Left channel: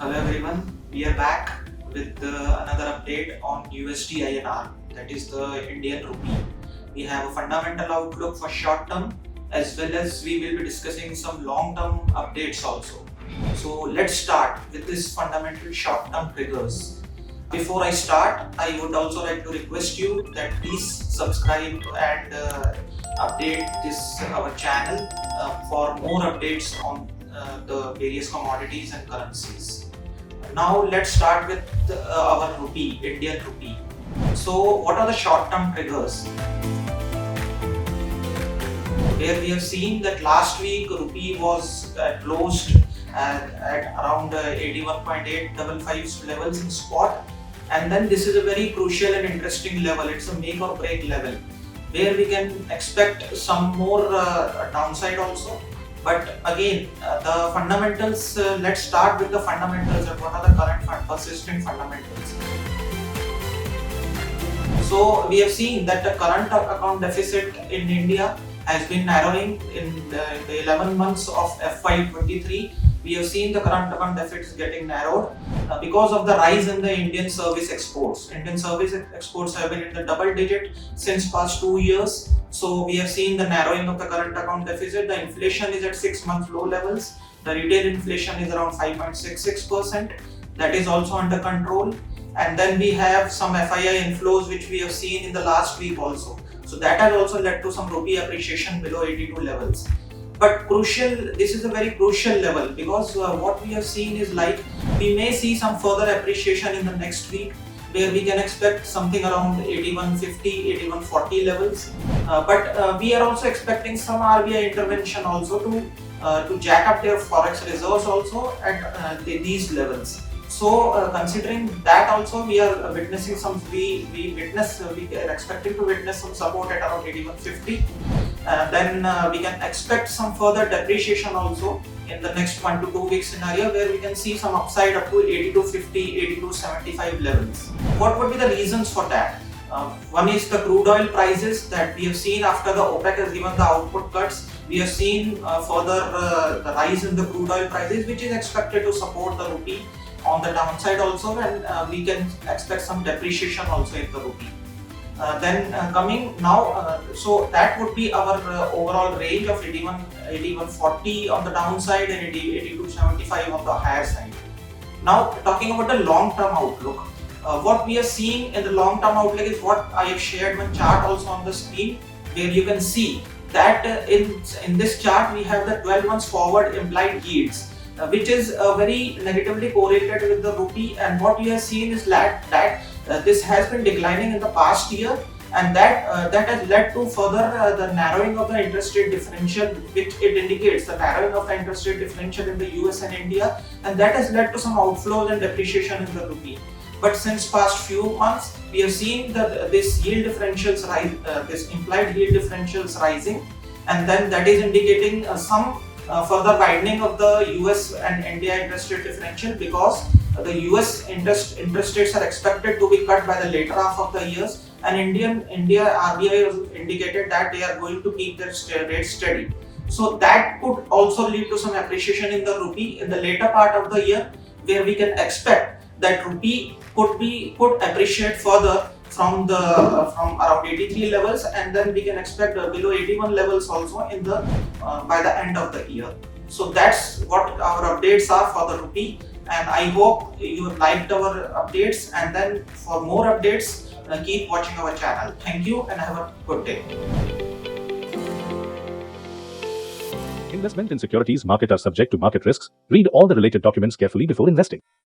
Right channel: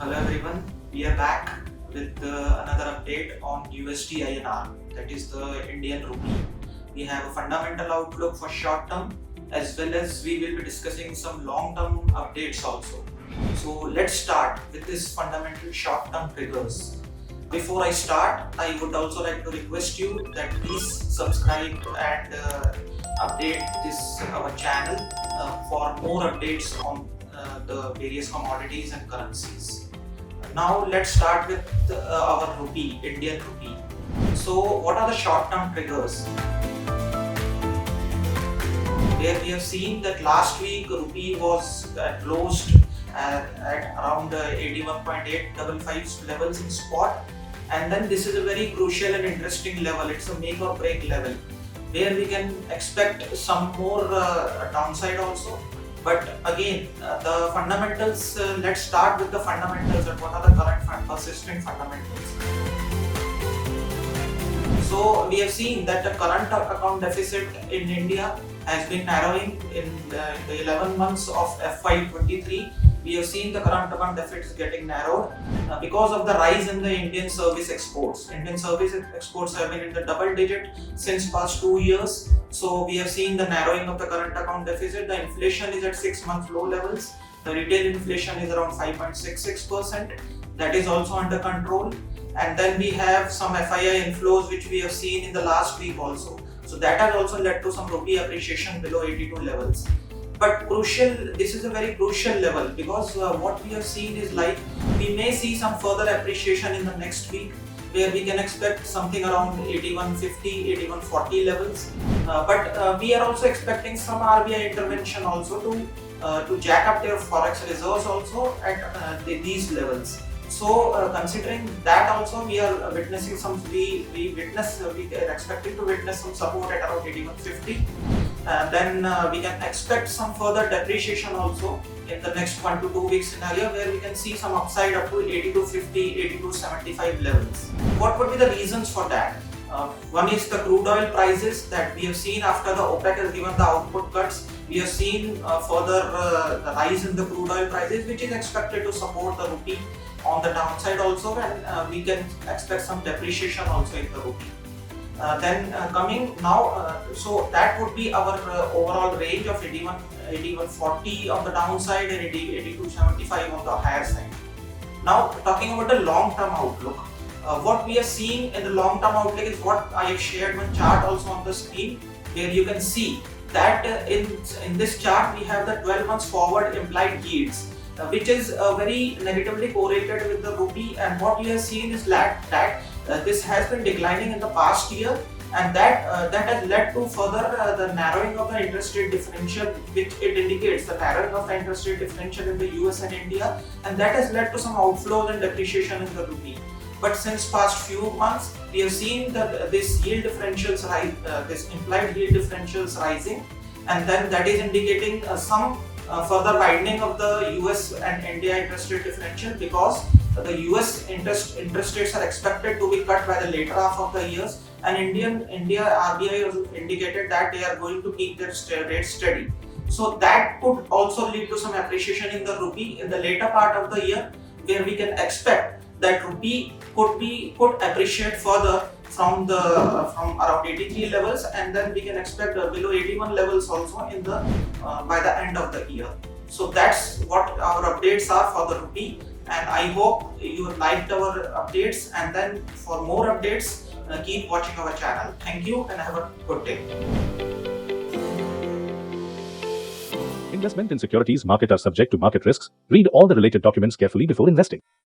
Hello everyone, we are back with another update on USD INR, that is the Indian Rupee. We have a fundamental outlook for short term as well as we will be discussing some long term updates also. So let's start with this fundamental short term triggers. Before I start, I would also like to request you that please subscribe and update this our channel for more updates on the various commodities and currencies. Now let's start with our rupee, Indian rupee. So what are the short-term triggers? Where we have seen that last week rupee was closed at around 81.855 levels in spot, and then this is a very crucial and interesting level. It's a make or break level where we can expect some more downside also. But again, the fundamentals, let's start with the fundamentals and what are the current persistent fundamentals. So we have seen that the current account deficit in India has been narrowing in the 11 months of FY23. We have seen the current account deficit is getting narrowed because of the rise in the Indian service exports. Indian service exports have been in the double digit since past 2 years. So we have seen the narrowing of the current account deficit. The inflation is at 6 month low levels. The retail inflation is around 5.66%. That is also under control. And then we have some FII inflows which we have seen in the last week also. So that has also led to some rupee appreciation below 82 levels. But crucial, this is a very crucial level because what we have seen is like we may see some further appreciation in the next week where we can expect something around 8150, 8140 levels. But we are also expecting some RBI intervention also to jack up their forex reserves also at these levels. So considering that also we are witnessing some we are expecting to witness some support at around 8150. Then we can expect some further depreciation also in the next 1 to 2 week scenario where we can see some upside up to 8250, 8275 levels. What would be the reasons for that? One is the crude oil prices that we have seen after the OPEC has given the output cuts. We have seen further the rise in the crude oil prices, which is expected to support the rupee on the downside also, and we can expect some depreciation also in the rupee. Then coming now, so that would be our overall range of 8140 on the downside and 8275 on the higher side. Now talking about the long-term outlook, what we are seeing in the long-term outlook is what I have shared one chart also on the screen, where you can see that in this chart we have the 12 months forward implied yields, which is very negatively correlated with the rupee, and what we have seen is that this has been declining in the past year, and that has led to further the narrowing of the interest rate differential, which it indicates the narrowing of the interest rate differential in the US and India, and that has led to some outflows and depreciation in the rupee. But since past few months, we have seen that this yield differentials rise, this implied yield differentials rising, and then that is indicating some further widening of the US and India interest rate differential because the US interest rates are expected to be cut by the later half of the years, and India RBI has indicated that they are going to keep their rates steady. So that could also lead to some appreciation in the rupee in the later part of the year, where we can expect that rupee could appreciate further from around 83 levels, and then we can expect below 81 levels also in the by the end of the year. So that's what our updates are for the rupee, and I hope you have liked our updates, and then for more updates keep watching our channel. Thank you and have a good day. Investment in securities market are subject to market risks. Read all the related documents carefully before investing.